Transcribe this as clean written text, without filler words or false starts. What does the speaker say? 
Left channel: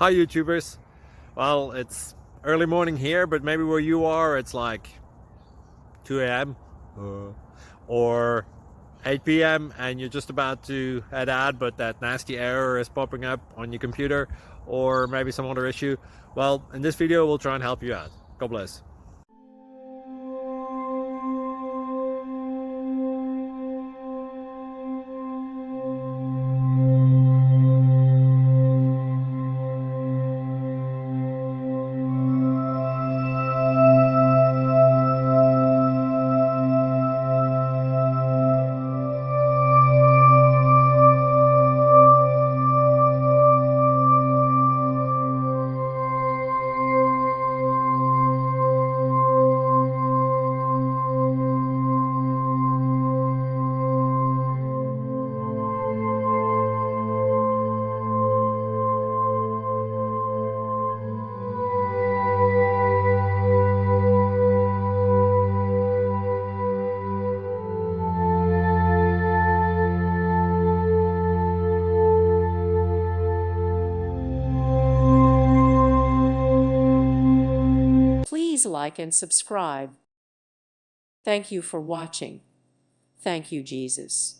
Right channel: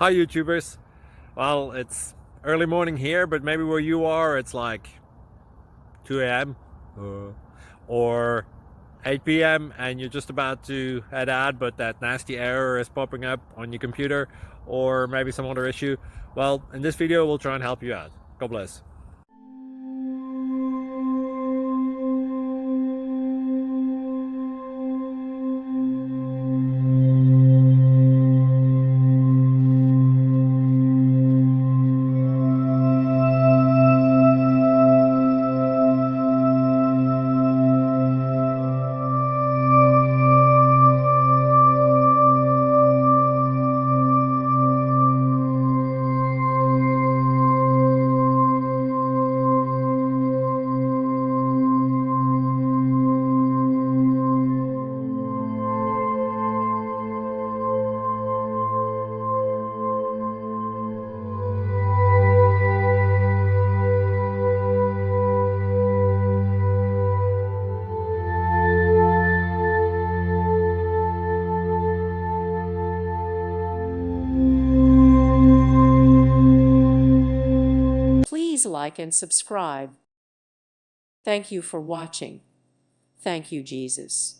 Hi YouTubers. Well, it's early morning here, but maybe where you are it's like 2 a.m. or 8 p.m. and you're just about to head out, but that nasty error is popping up on your computer, or maybe some other issue. Well, in this video we'll try and help you out. God bless. Please like and subscribe. Thank you for watching. Thank you, Jesus.